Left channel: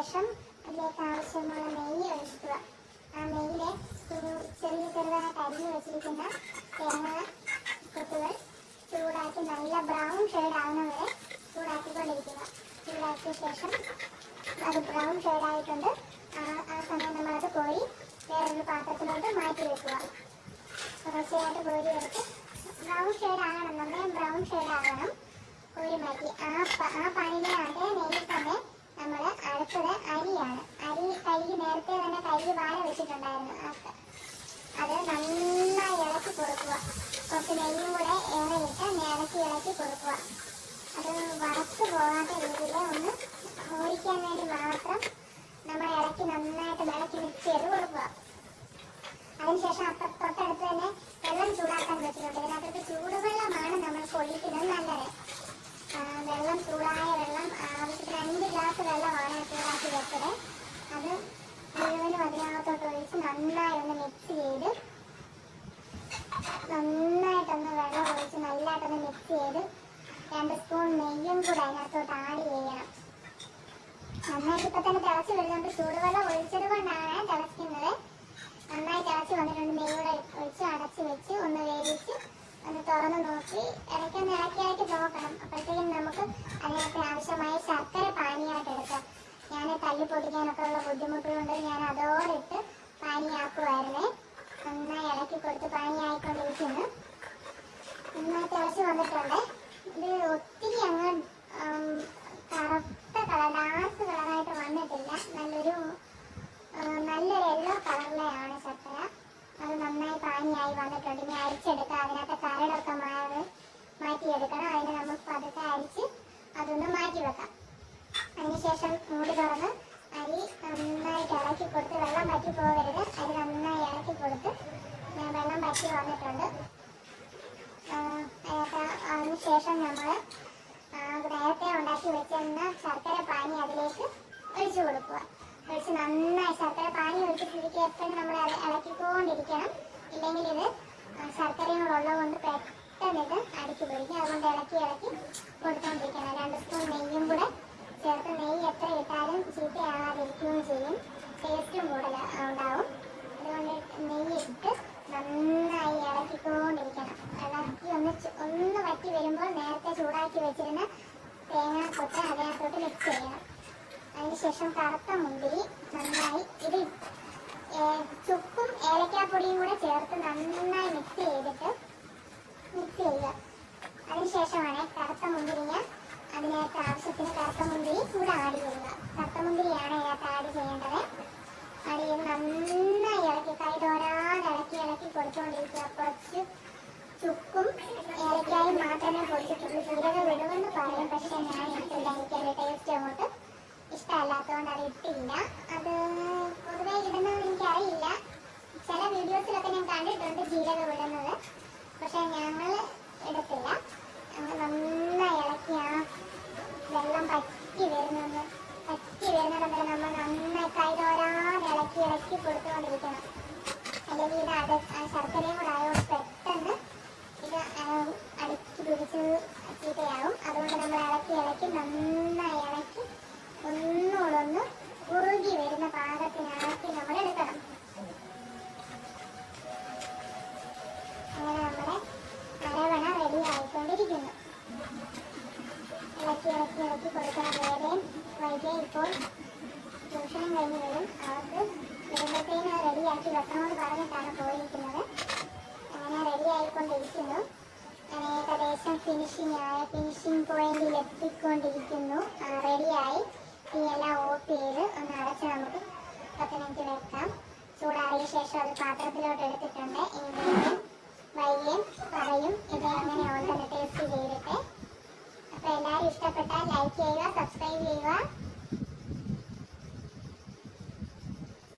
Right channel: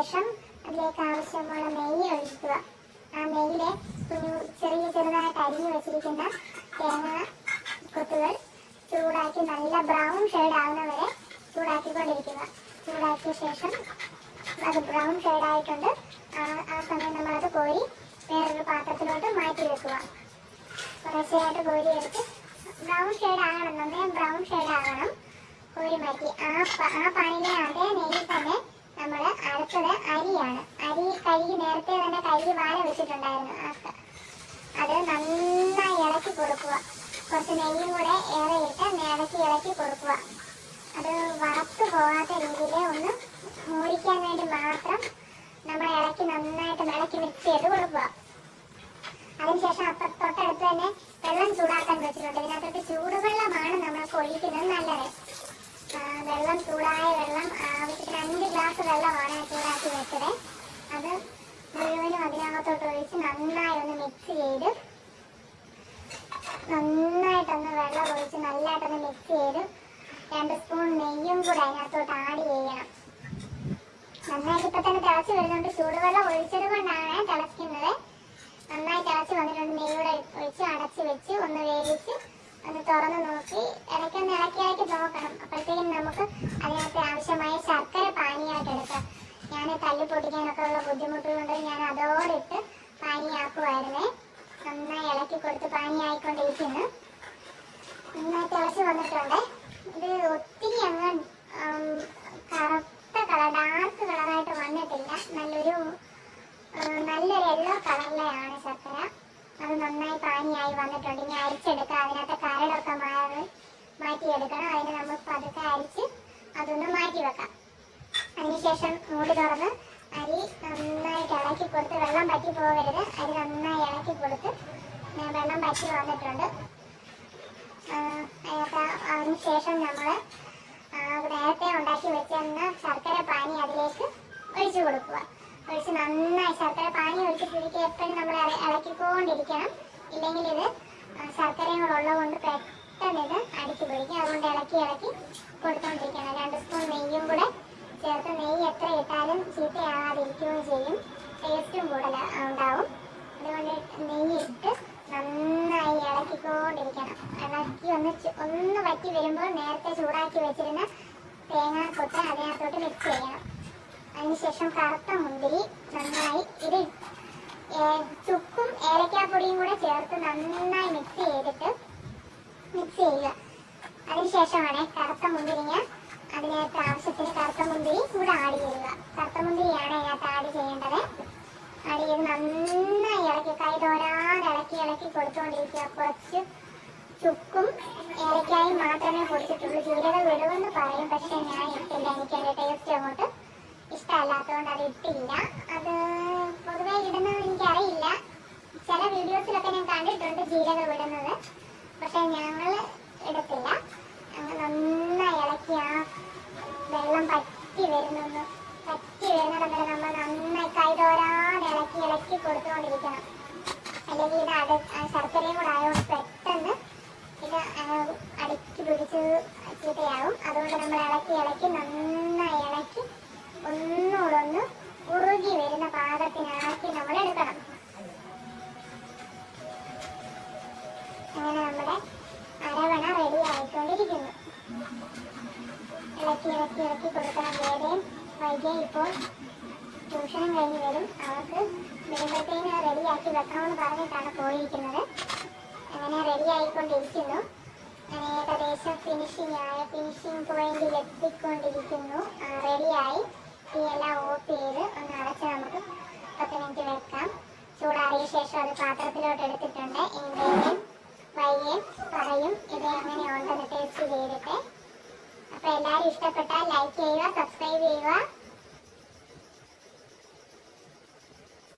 ശേഷം അതിലേക്ക് ആവശ്യമുള്ള നെയ്യ് ഒഴിക്കുക. ആ നെയ്യിൽ ചെറിയ ചെറുതായിട്ട് അരിഞ്ഞു വെച്ചിരിക്കുന്ന തേങ്ങ കൊത്തുകൾ ചൂടാക്കി നല്ല ബ്രൗൺ ഷെയ്ഡ് ആവുന്ന വരെ ചൂടാക്കിക്കൊണ്ടിരിക്കുക. ചൂടാക്കിയ ശേഷം അത് ബ്രൗൺ ഷെയ്ഡ് ആയിട്ടുണ്ട്. ആ സമയം നമ്മളത് കോരി വേറൊരു പാത്രത്തിലോട്ട് മാറ്റി വെക്കുക. കുറച്ചെയായിട്ട് കോരി എടുത്ത് ബ്രൗൺ ഷെയ്ഡ് ആകണം. നന്നായി ബ്രൗൺ ഷെയ്ഡ് ആകണം. കോരി മാറ്റി. ആ ആ പാനിലെ അതേ നെയ്യിൽ തന്നെ നമ്മൾ അടുത്തത് അരിയാണ്. അരി കഴുകി നേരത്തെ തന്നെ കഴുകി വാഴ വെച്ചിട്ടുണ്ടായിരുന്നു. അത് നന്നായി ഇളക്കി കൊടുക്കുക. കുറച്ച് നെയ്യും കൂടെ ഏറെ ഇട്ട് ഇളക്കി ഇളക്കി കൊടുക്കുക. അത് വറുത്ത് പോകാത്ത രീതിയിൽ ഒന്ന് മൂടിക്കാൻ വേണ്ടി മാത്രം നമ്മൾ ഇളക്കി നന്നായിട്ട് ഇളക്കി മിക്സ് ചെയ്ത് കൊടുക്കുക. അതിനുശേഷം അപ്പം തൊട്ടടുത്ത് തന്നെ വെള്ളം ചൂടാക്കാൻ വെച്ചിട്ടുണ്ട്. ഇതിനകത്തോട്ട് ചൂടുവെള്ളമാണ് നമ്മൾ ഒഴിക്കുന്നത് നല്ലത് ആ, വെള്ളം ചൂടായ വെള്ളം ആവശ്യത്തിന് രണ്ട് ഗ്ലാസ് വെള്ളമാണ് ചൂടാക്കി വെച്ചത് അത് മുഴുവനും അതിനകത്തോട്ട് ഒഴിച്ച് നന്നായി ഒന്ന് മിക്സ് ചെയ്ത് നന്നായിട്ടൊന്ന് വെള്ളം ഒഴിച്ച് നല്ലതായിട്ടൊന്ന് മിക്സ് ചെയ്ത് രണ്ട് സ്പൂൺ നെയ്യും കൂടെ അതിനകത്തോട്ട് ആഡ് ചെയ്യണം. നന്നായിട്ട് ഇപ്പൊ തന്നെ തിളച്ച് വരുന്നുണ്ട്. ചൂടുവെള്ളം ഒഴിച്ചത് കൊണ്ടാണ് തിളയ്ക്കുന്നത്. നന്നായി തിളച്ച് വന്നിട്ടുണ്ട്. നെയ്യൂടെ ഒഴിച്ച് അടച്ച് വെച്ച് ഒന്ന് വേവിച്ച് ഒന്ന് തുറന്ന് നോക്കി. ഇടയ്ക്കൊന്ന് ഇളക്കി ഇളക്കി നോക്കണം. അപ്പോഴത്തേക്കും നമുക്ക് അതിനകത്ത് ആവശ്യമായ ശർക്കര പാനീയമായിട്ട് എടുക്കാം. ഞാൻ തല്ലി പൊട്ടിക്കാനൊക്കെ ഉള്ള ബുദ്ധിമുട്ട് കൊണ്ട് ഞാൻ അതോടിട്ട് പാനിയാക്കുമായിരുന്നേ നന്നായി ഇളക്കി കൊടുത്ത് പാനിയായിക്കൊണ്ടിരിക്കുന്നു. നന്നായി തിളച്ച് വന്നിട്ടുണ്ട്. ഇത് ഒത്തിരി അങ്ങ് കറുത്ത കളർ ഡാർക്ക് കളറായിട്ട് വന്നിട്ടില്ല. നല്ലൊരു നല്ലൊരു യെല്ലോ കളറിലെയാണ് ശർക്കര. അത് നന്നായി പാനിയായി വന്നിട്ടുണ്ട്. ഇനി അരിച്ചെടുക്കുക അതിനകത്ത് കരടൊക്കെ മാറി മാറ്റിയെടുക്കണം. അതിന് നമ്മൾ പതുക്കെ അരിച്ച് അതൊന്ന് മാറ്റി വെക്കാം അതിനുശേഷം മൂടി തുറന്ന് അരി നന്നായിട്ട് ഇളക്കി കൊടുത്ത് വെള്ളം പറ്റി പോകരുത്. അരി നന്നായി ഇളക്കി കൊടുത്ത് വെള്ളം പറ്റി വന്നിട്ടുണ്ട്. അതിന് ശേഷം നമ്മൾ നേരത്തെ ഉണ്ടാക്കി വെച്ചിരുന്ന ശർക്കര പാനി അതിലേക്ക് ഒഴിച്ചു കൊടുക്കുക. ഒഴിച്ച് നന്നായി ശർക്കര പാനി ഒഴിച്ചിട്ടിരിക്കുക എപ്പോഴും നമ്മൾ ഇളക്കി ഇളക്കിക്കൊണ്ടിരിക്കണം. ഇല്ലെങ്കിൽ ഇത് ശർക്കരയും കൂടെ ഉള്ളതുകൊണ്ട് പെട്ടെന്ന് ഇത് അടിച്ചു പിടിക്കും അതുകൊണ്ട് ഇളക്കി ഇളക്കി കൊടുത്തുകൊണ്ടിരിക്കണം രണ്ട് സ്പൂൺ നെയ്യും കൂടെ ചേർത്ത് നെയ്യ് എത്ര കൂടുതൽ ഉണ്ടാവും. അതുകൊണ്ട് നെയ്യ് ഇട്ട് നന്നായി ഇളക്കിക്കൊണ്ടിരിക്കണം. ഇളക്കി ഒന്ന് ഒന്ന് വറ്റി വരുമ്പോൾ നേരത്തെ ചൂടാക്കി വെച്ചിരുന്ന തേങ്ങാ കൊത്ത് അതിനകത്തോട്ട് മിക്സ് ചെയ്യണം. അതിനുശേഷം കറുത്ത മുന്തിരി നന്നായി ഇത് ചുക്കും ഏലക്കാപ്പൊടിയും കൂടെ ചേർത്ത് നന്നായി മിക്സ് ചെയ്തിട്ട് മിക്സ് ചെയ്യുക. അതിനുശേഷമാണ് കറുത്ത മുന്തിരിങ്ങ അതിനകത്ത് ആവശ്യത്തിന് കറുത്ത മുന്തിരി കൂടെ ആഡ് ചെയ്യുക കറുത്ത മുന്തിരിയാണ് അതിനകത്ത് ആഡ് ചെയ്യേണ്ടത് ചെയ്ത് നന്നായി ഇളക്കി കൈ തോരാതെ ഇളക്കി ഇളക്കി കൊടുത്തുകൊണ്ടിരിക്കുക കുറച്ച് ചുക്കും ഏലക്കായും മാത്രമേ കൊടുത്തിട്ടുള്ളൂ ജീരകം വിടുമെന്ന് പറയും പക്ഷെ ഞാൻ ഇട്ടില്ല. എനിക്ക് അതിന്റെ ടേസ്റ്റ് അങ്ങോട്ട് ഇഷ്ടമല്ലാത്തതുകൊണ്ട് അത് ഇട്ടില്ല. അത് പൊതുവെ ഇടുന്നത് എനിക്കറിയില്ല. ചില വീഡിയോസിലൊക്കെ ഞാൻ കണ്ടിട്ടുണ്ട് ജീരകം ഇടുന്നത് അല്ലെങ്കിൽ ഇത് അട ശർക്കരയും കൂടെ പെട്ടെന്ന് ഇത് അടുക്കി പിടിച്ച് ചീത്തയാവും. അതുകൊണ്ട് നമ്മൾ ഇളക്കി ഇളക്കി നന്നായി ഇളക്കി ഒന്നുകൂടെ ഒന്ന് ഉറുകി വരുന്ന പാകത്തിനാക്കി നമ്മൾ എടുക്കണം. അങ്ങനെ നമ്മുടെ അരവണ റെഡി ആയിക്കൊണ്ടിരിക്കുന്നു. ഇളക്കി ഇളക്കി ഇളക്കി കൊടുക്കണം. വേറെയും വൈകിയ ഇപ്പോൾ ട്യൂഷൻ കഴിഞ്ഞ് വരും. അവർക്ക് വരുമ്പോഴത്തേന് റെഡിയാക്കി വെക്കണമെന്ന് പറഞ്ഞിട്ടാണ് പോയിരിക്കുന്നത്. അങ്ങനെ റെഡിയായിക്കൊണ്ടിരിക്കുന്നു. അങ്ങനെ ഏകദേശം ഫിനിഷിംഗ് ആയ ഫിനിഷിംഗ് പോയിന്റിൽ എത്തിക്കൊണ്ടിരിക്കുന്നു. റെഡിയായി. എല്ലാം ഓഫ് ചെയ്ത് ഒന്ന് അടച്ച് നമുക്ക് പത്ത് മിനിറ്റ് വെക്കാം. ചൂടാറിയ ശേഷം അത് പാത്രത്തിലോട്ട് എടുത്തിട്ടുണ്ട്. ഇൻഗ്രീഡിയൻ വൈകിയും പറയും. ഇത് എങ്ങനെ ഉണ്ടെന്ന് ടേസ്റ്റ് ചെയ്തിട്ട്. അപ്പോൾ എല്ലാവരും ഇഷ്ടപ്പെട്ടാൽ ലൈക്ക് ചെയ്യുക സബ്സ്ക്രൈബ് ചെയ്യുക.